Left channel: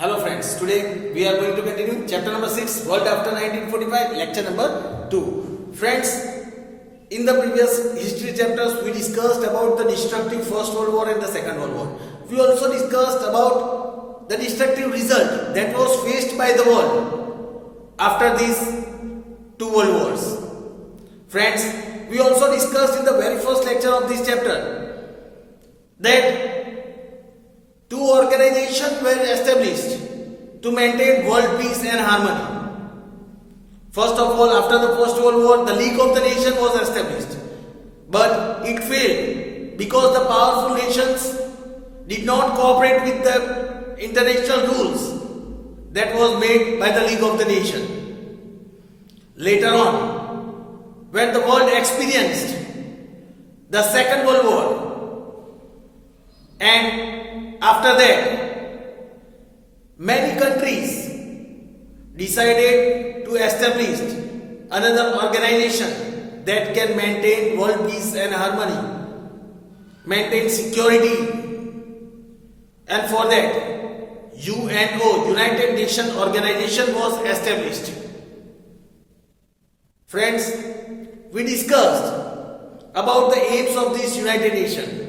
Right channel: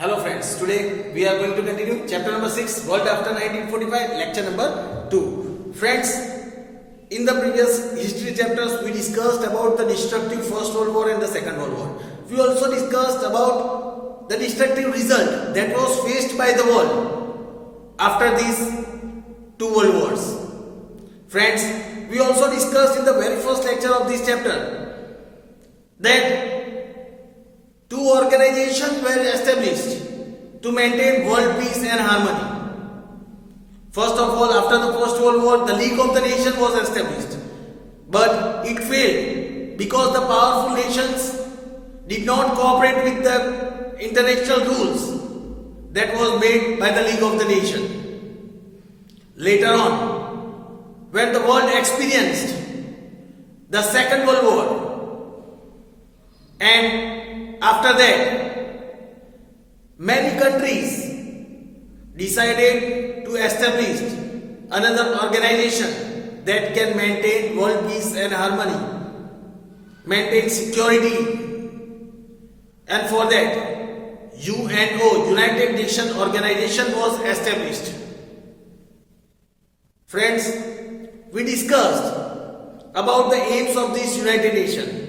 Hello friends, today we are going to continue chapter number 6, World After 1945, lecture number 2. Friends, in the previous history chapters we discussed about the destructive First World War and the Second World War. We also discussed about the destructive result that was faced by the world after these two world wars. Friends, we also discussed in the very first lecture of this chapter that two organizations were established to maintain world peace and harmony. First of all, after the First World War, the League of the Nations was established. But it failed because the powerful nations did not cooperate with the international rules that was made by the League of the Nations. Later on, when the world experienced the Second World War, and after that, many countries decided to establish another organization that can maintain world peace and harmony, maintain security, and for that, UNO, United Nations Organization, was established. Friends, we discussed about the aims of this United Nations.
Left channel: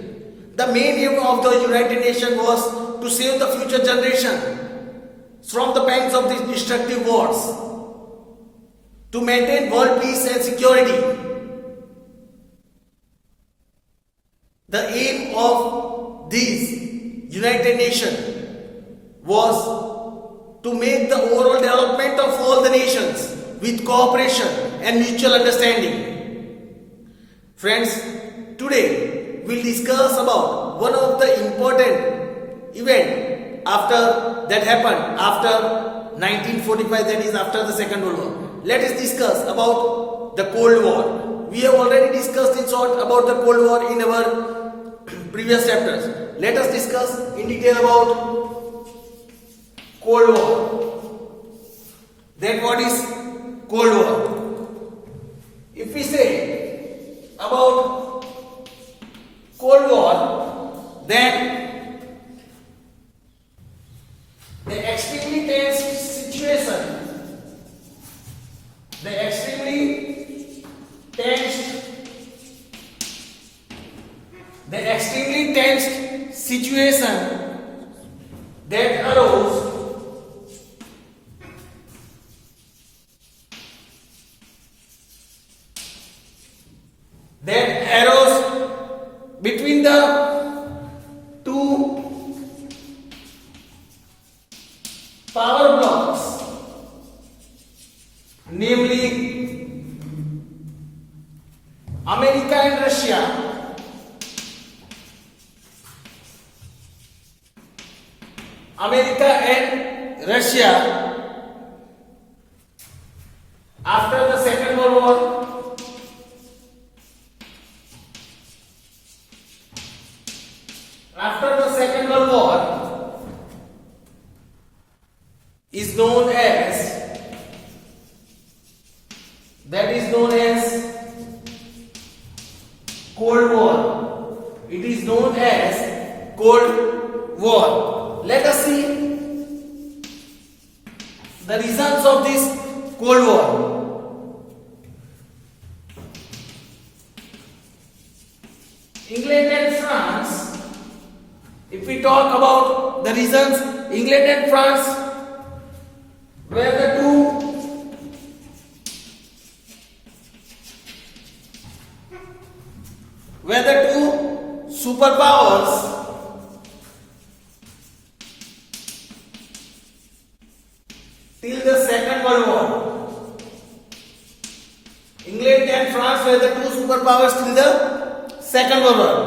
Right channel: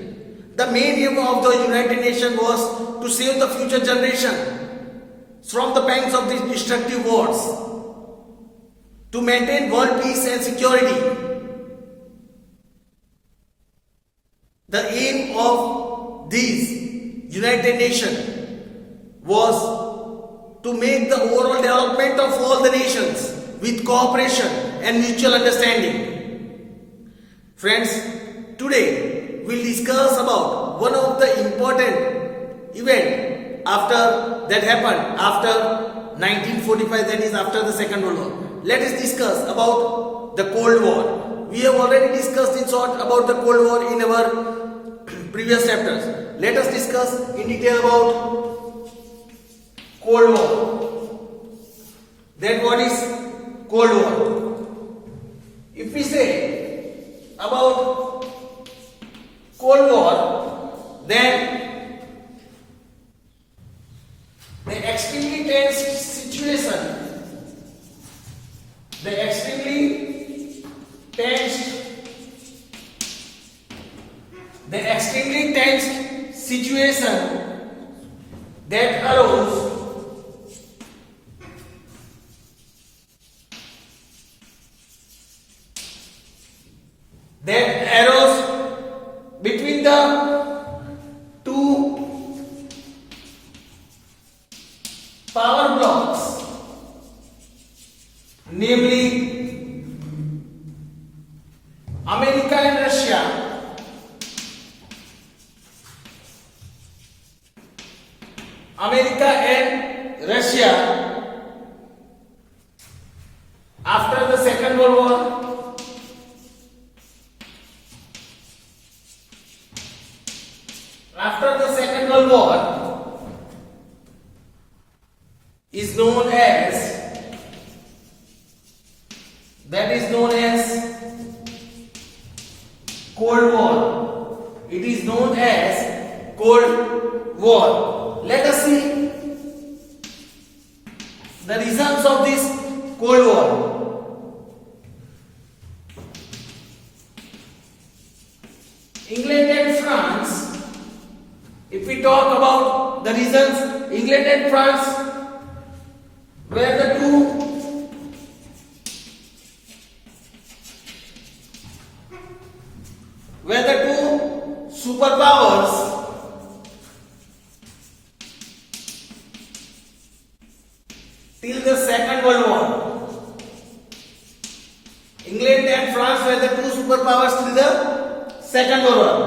The main aim of the United Nations was to save the future generation from the pangs of these destructive wars, to maintain world peace and security. The aim of these United Nations was to make the overall development of all the nations with cooperation and mutual understanding. Friends, today we'll discuss about one of the important event that happened after 1945, that is after the Second World War. Let us discuss about the Cold War. We have already discussed in short about the Cold War in our previous chapters. Let us discuss in detail about Cold War. Then what is Cold War? If we say about Cold War, then the extremely tense situation, the extremely tense situation that arose between the two power blocks, namely America and Russia. America and Russia after the Second World War. After the Second World War is known as, that is known as Cold War. It is known as Cold War. Let us see the reasons of this Cold War. England and France. If we talk about the reasons, England and France were the two superpowers till the Second World War. England and France were the two superpowers till the Second World War.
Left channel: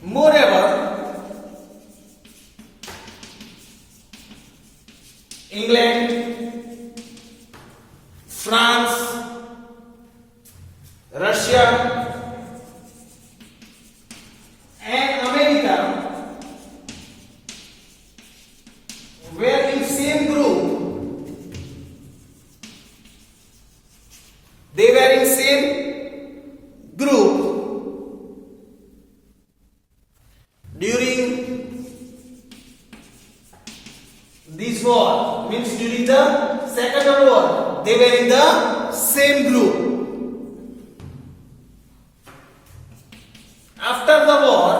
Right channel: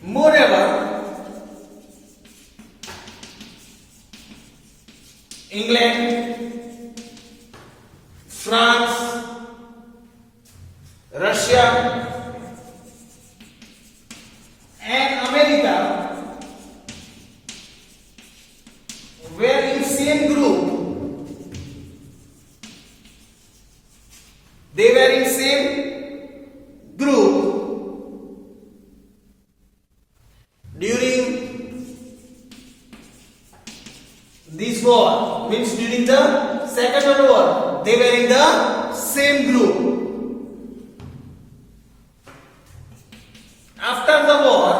Moreover, England, France, Russia, and America were in same group. They were in same group during they were in the same group. After the war,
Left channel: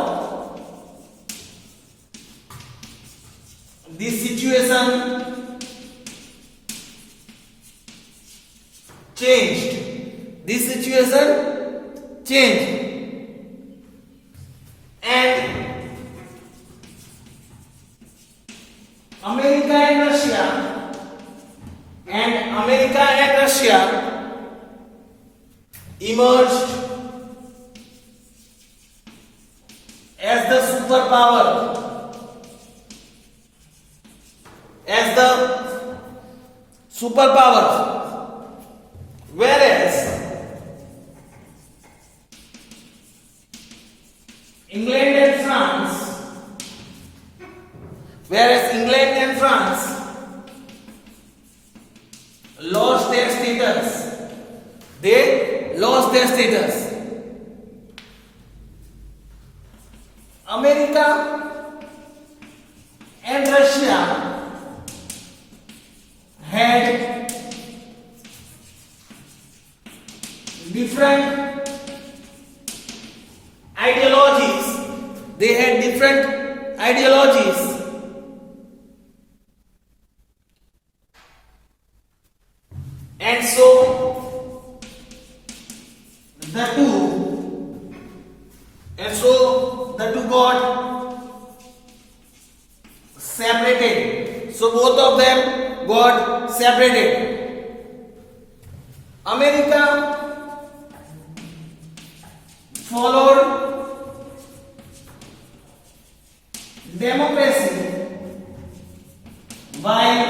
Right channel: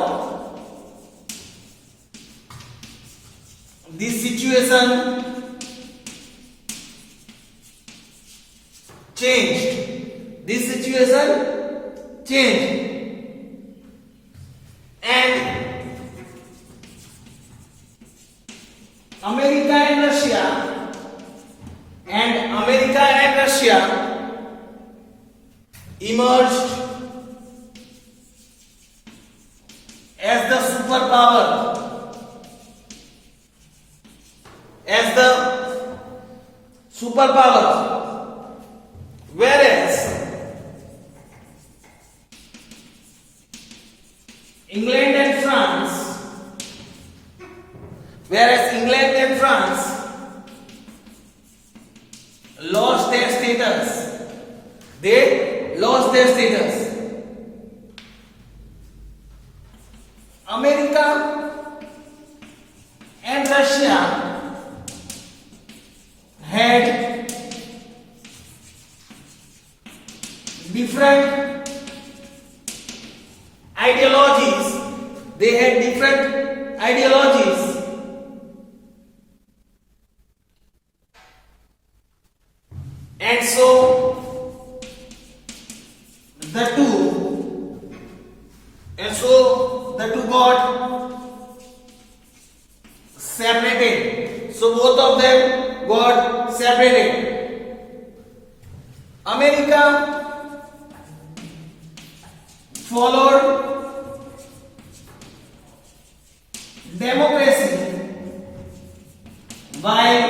this situation changed. This situation changed. And America and Russia emerged as the superpower, whereas England and France lost their status. They lost their status. America and Russia had different ideologies. They had different ideologies. And so the two got separated. So both of them got separated. America followed democracy while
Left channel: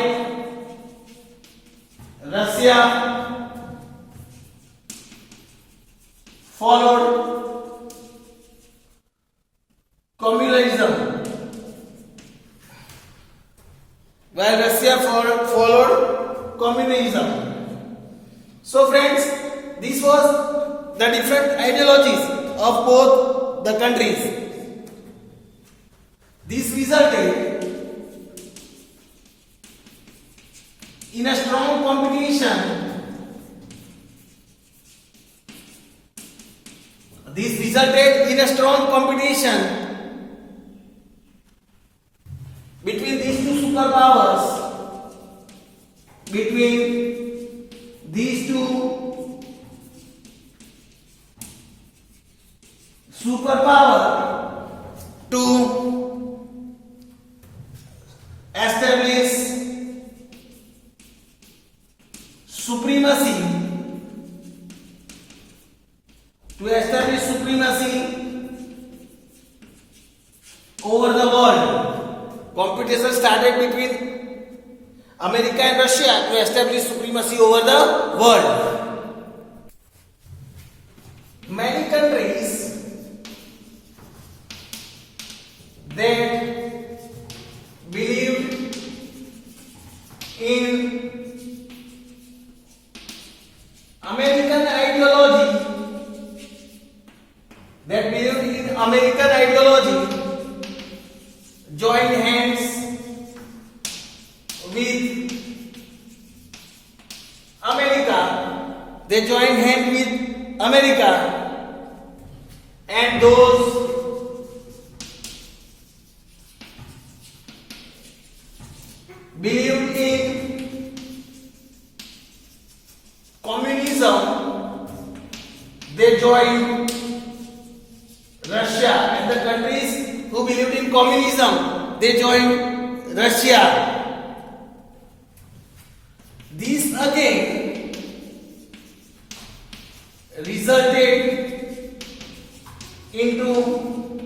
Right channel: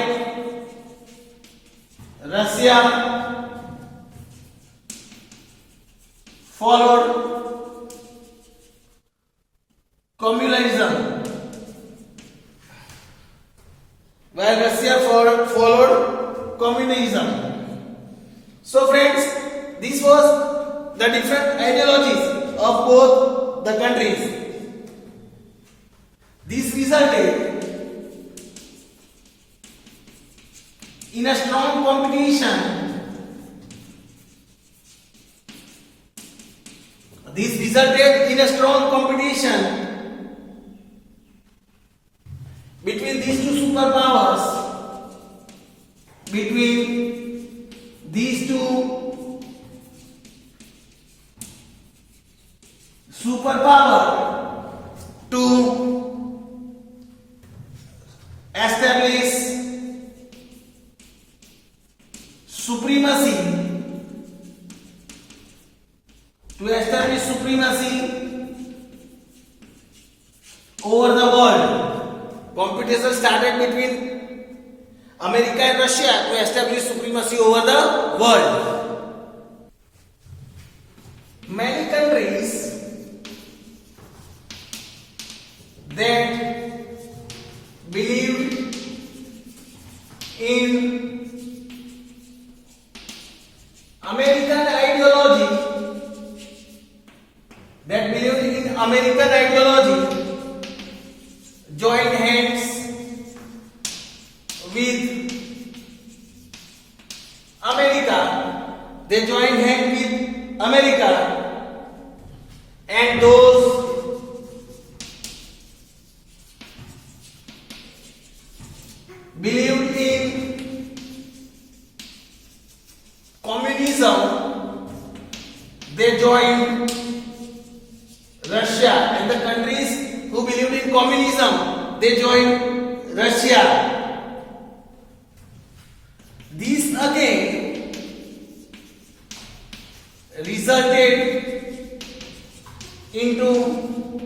Russia followed communism. So friends, this was the different ideologies of both the countries. This resulted in a strong competition. Between these two superpowers, to establish supremacy over the world. Competition started between America and Russia to establish supremacy over the world. Many countries that believed in American ideology joined hands with America. They joined hands with America, and those believed in communism, they joined Russia, and the countries who believed in communism, they joined Russia. This again resulted into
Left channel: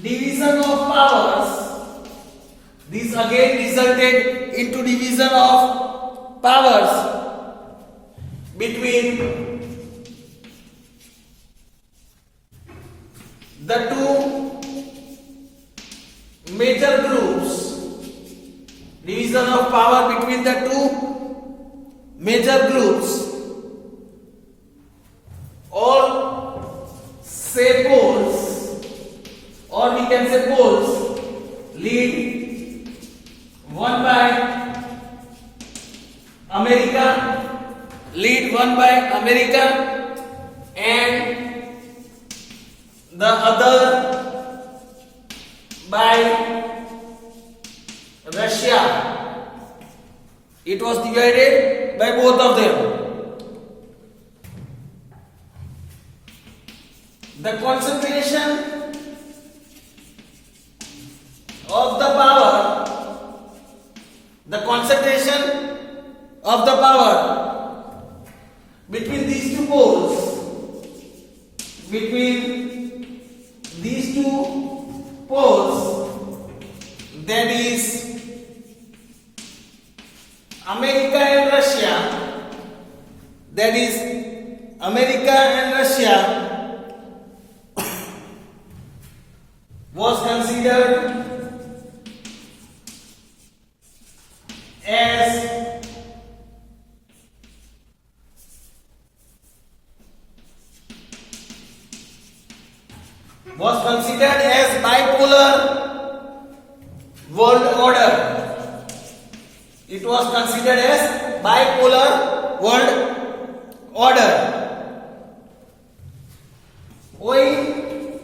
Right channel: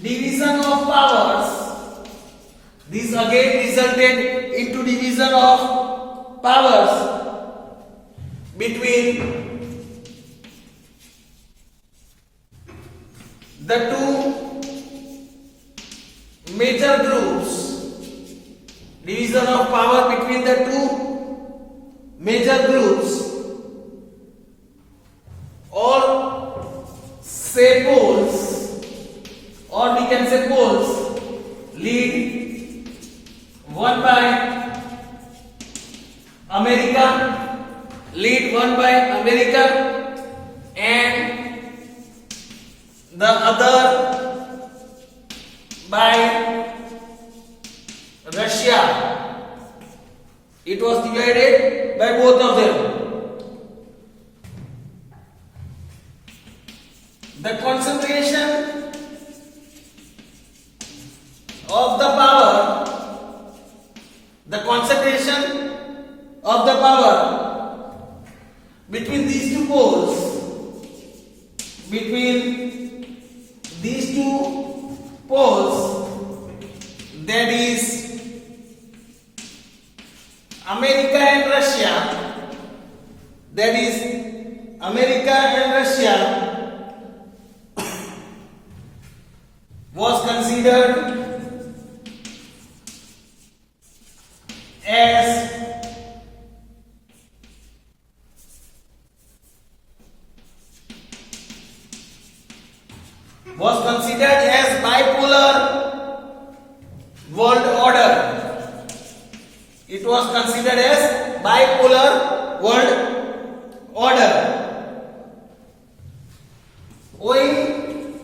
division of powers. Between the two major groups. Division of power between the two major groups, or say poles, or we can say poles, lead one by America, lead won by America, and the other by Russia. It was divided by both of them. The concentration of the power between these two poles, that is America and Russia, was considered as bipolar world order. It was considered as bipolar world order. Owing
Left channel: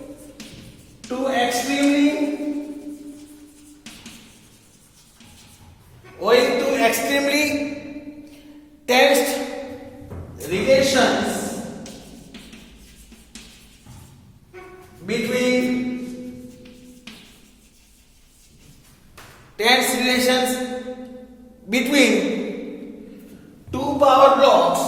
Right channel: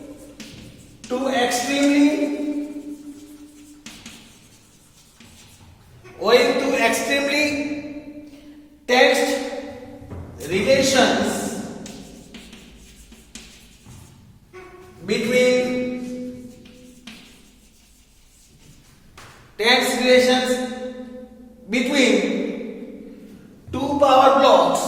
to extremely tense relations between two power blocks,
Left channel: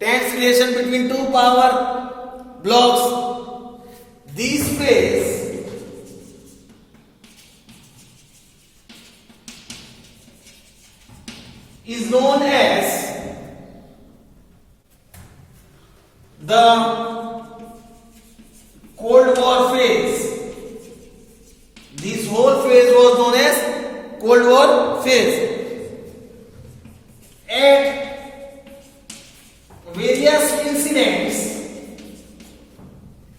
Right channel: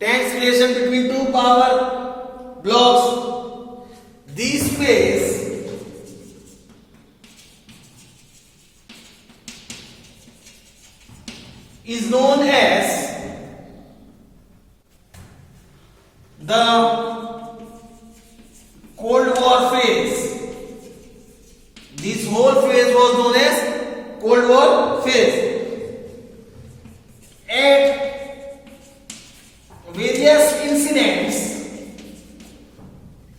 tense relation between two power blocks. This phase is known as the Cold War phase. This whole phase was known as Cold War phase.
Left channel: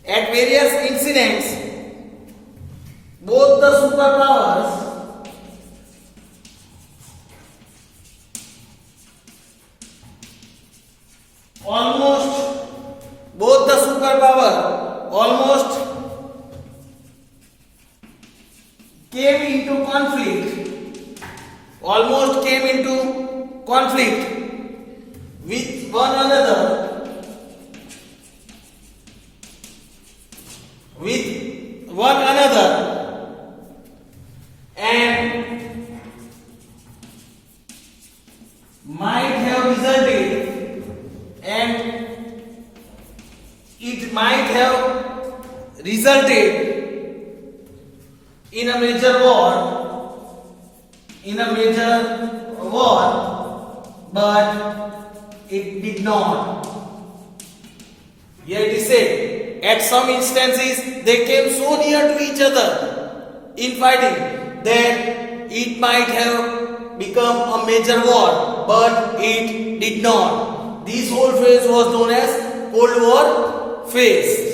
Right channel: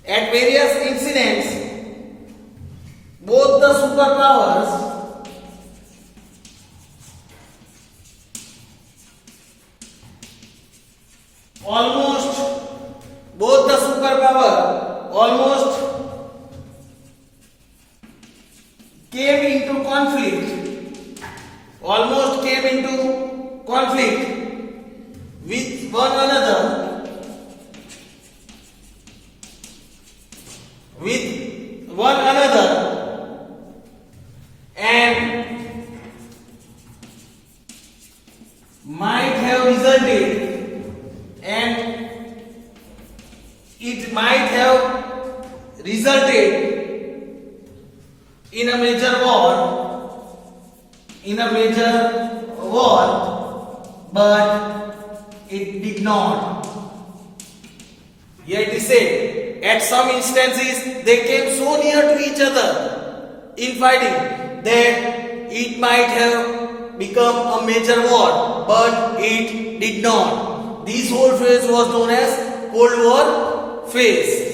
At various incidents, both the superpowers almost came into conflict with one another, and might have resulted in a major war, but it did not. Here it is said, at some instances they came so near to each other in fighting that it might have become a major war, but it did not. This whole phase was known as Cold War phase.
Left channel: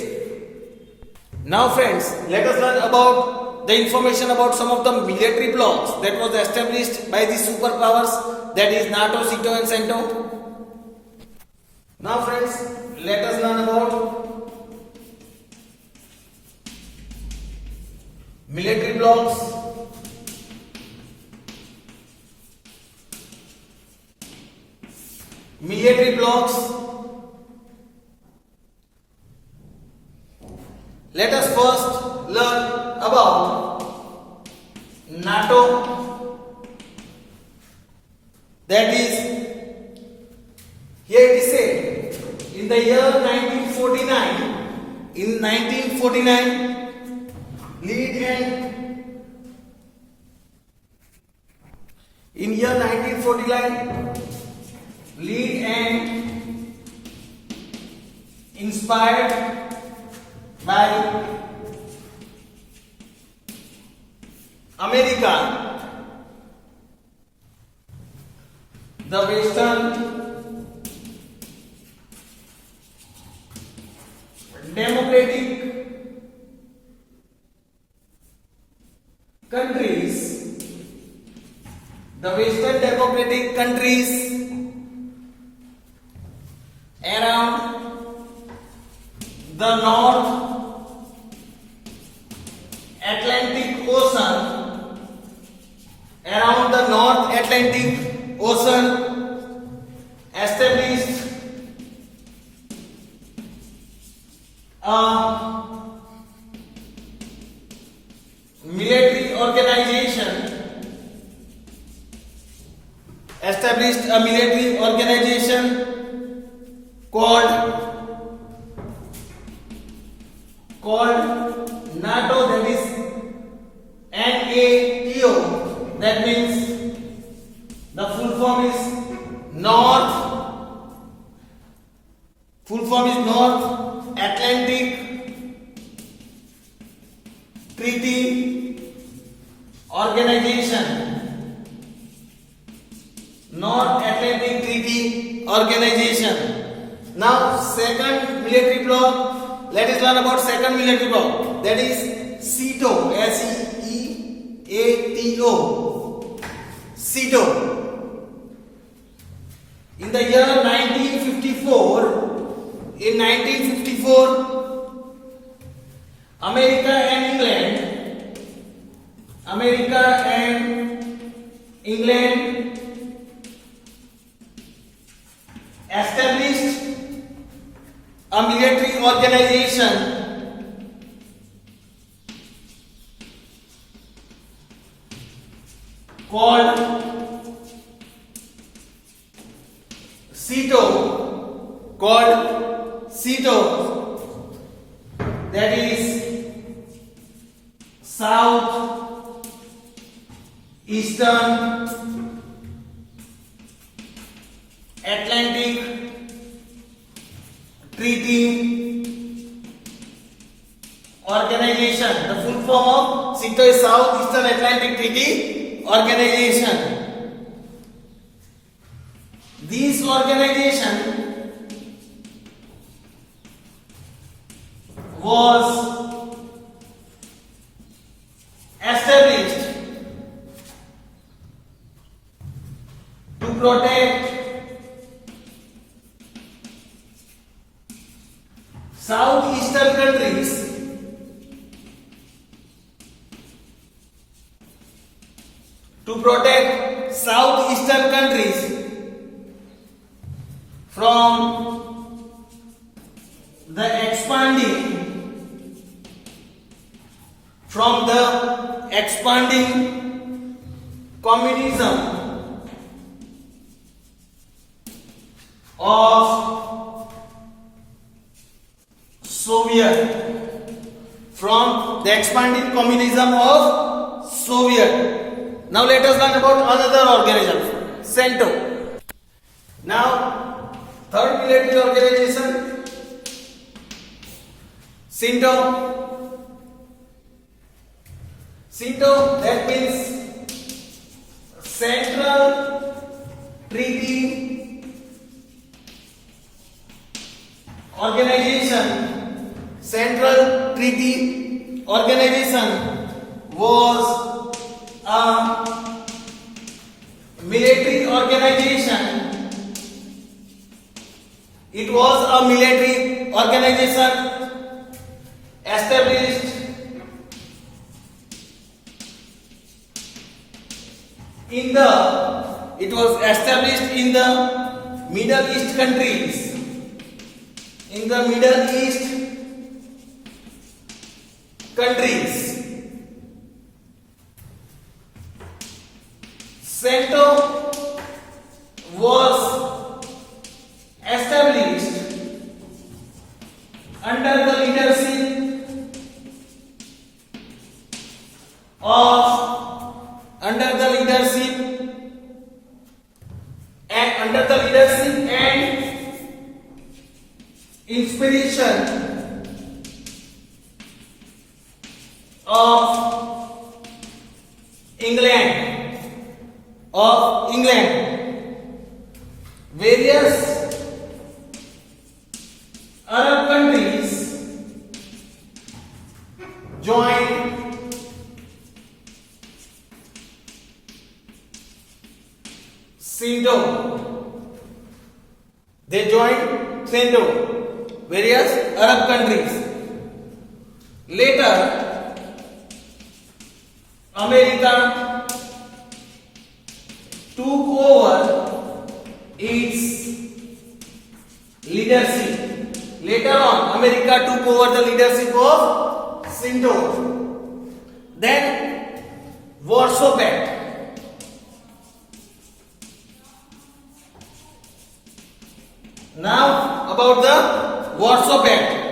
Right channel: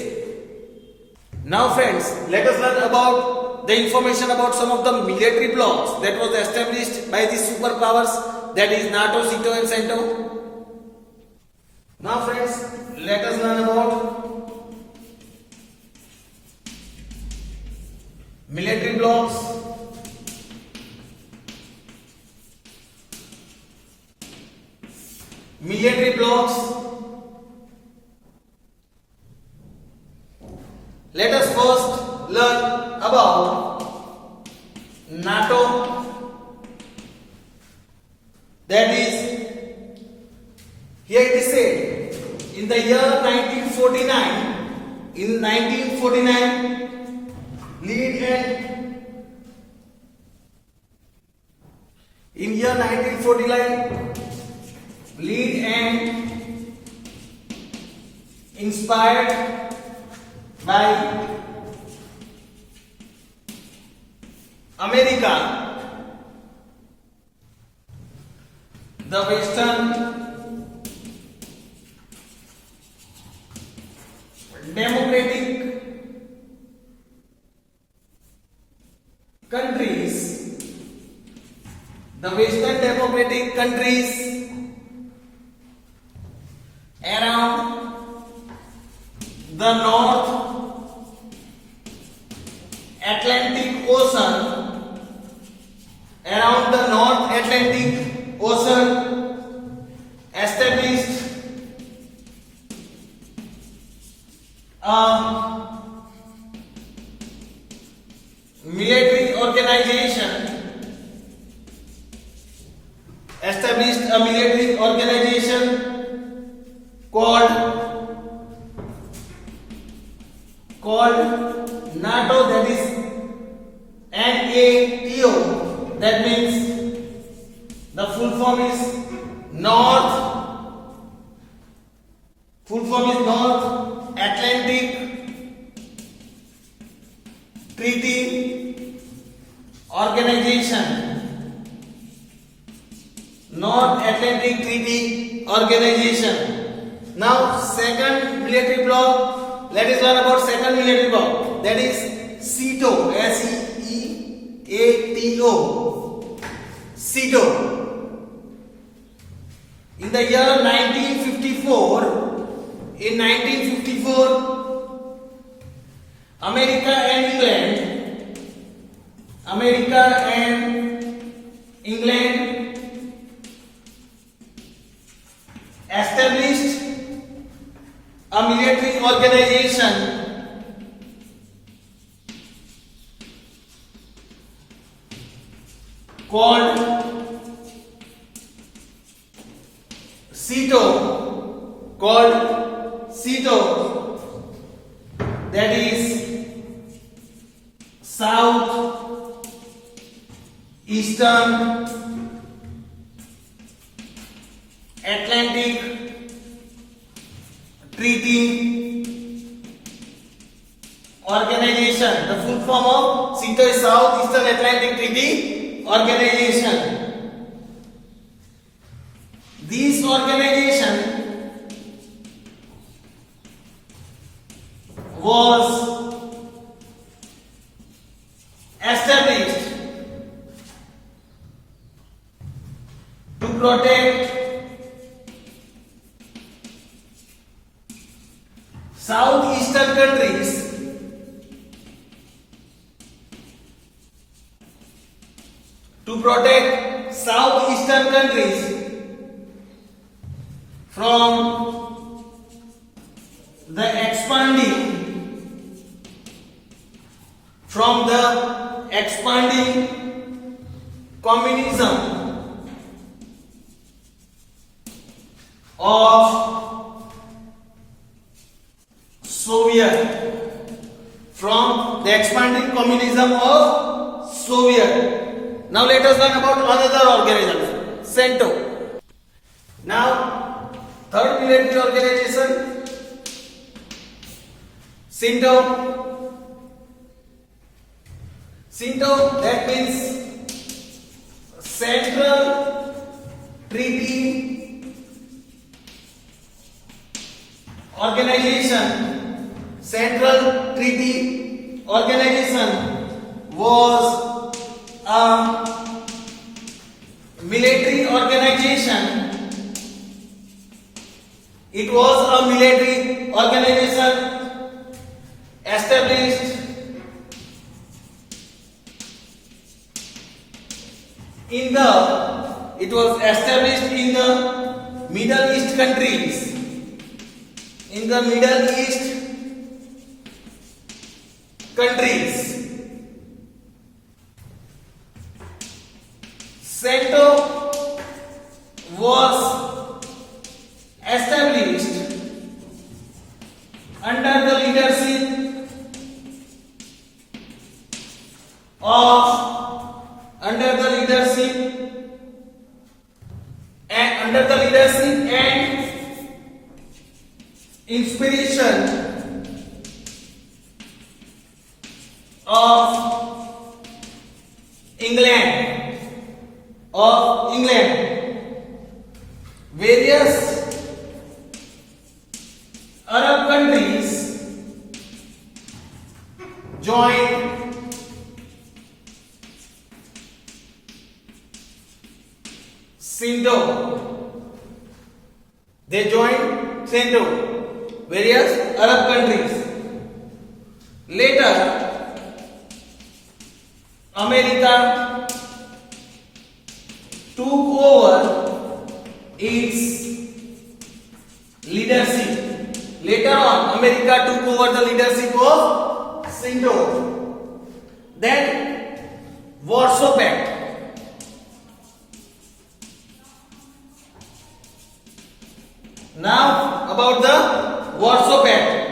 Now friends, let us learn about the information about some of the military blocks that was established by the superpowers, that is NATO, SEATO and CENTO. Now friends, let us learn about military blocks. Let us first learn about NATO. That is, here it is said, in the year 1949, lead and inspired by America, the Western Democratic countries, the Western democratic countries around the North Atlantic Ocean, around the North Atlantic Ocean, established a military organization, called NATO, that is NATO, that means the full form is North Atlantic Treaty Organization. North Atlantic Treaty Organization. Now second military bloc, let us learn about second military bloc, that is SEATO, SEATO. SEATO. In the year 1954, America and England established a military organization called SEATO, that is South Eastern Atlantic Treaty Organization. The full form of SEATO is South Eastern Atlantic Treaty Organization. This organization was established to protect southeastern countries from the expanding communism of Soviet. Now let us learn about another organism, CENTO. Now third military organization, CENTO, that means Central Treaty Organization. Central Treaty Organization was a military organization. It was a military organization established in the Middle East countries. CENTO was established under the leadership and inspiration of England. Various Arab countries joined CENTO. They joined CENTO, various Arab countries. Later, America took over its leadership. Later on, America took over the leadership of CENTO. Then, Warsaw Pact. Now, about the Warsaw Pact.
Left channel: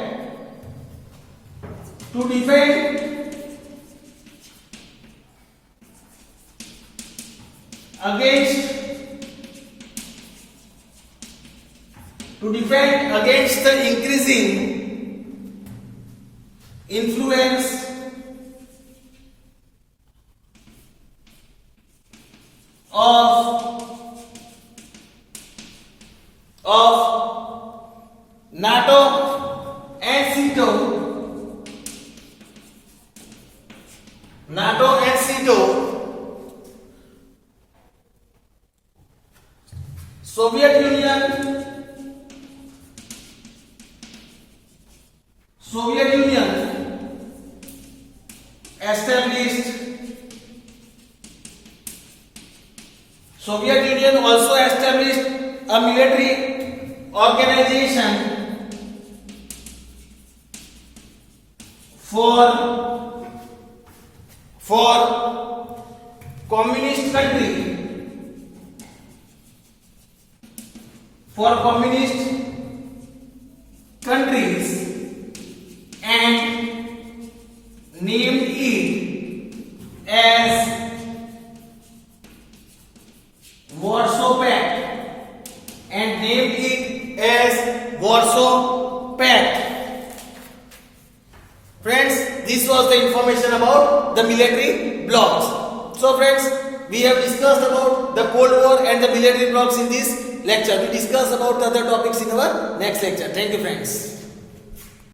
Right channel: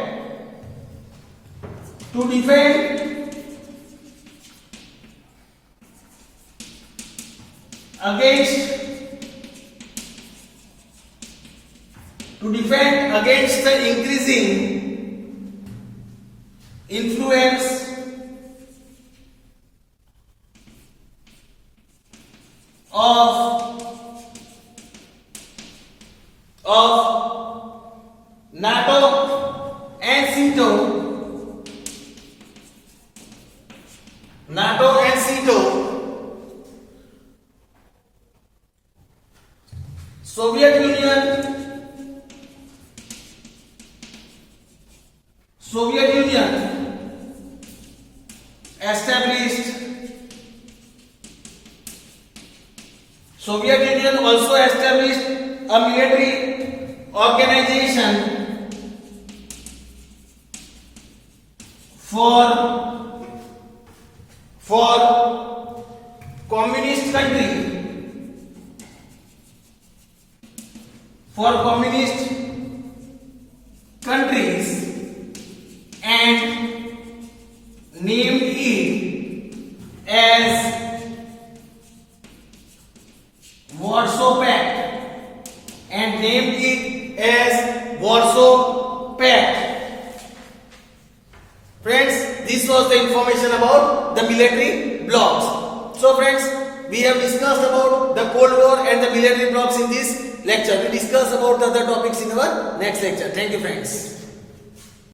To defend against the increasing influence of NATO and CENTO. Soviet Union also established a military organization for communist countries and named it as Warsaw Pact. Friends, this was the information about the military blocs. So friends, we have discussed about the Cold War and the military blocs in this lecture. We discuss about the other topics in our next lecture. Thank you friends.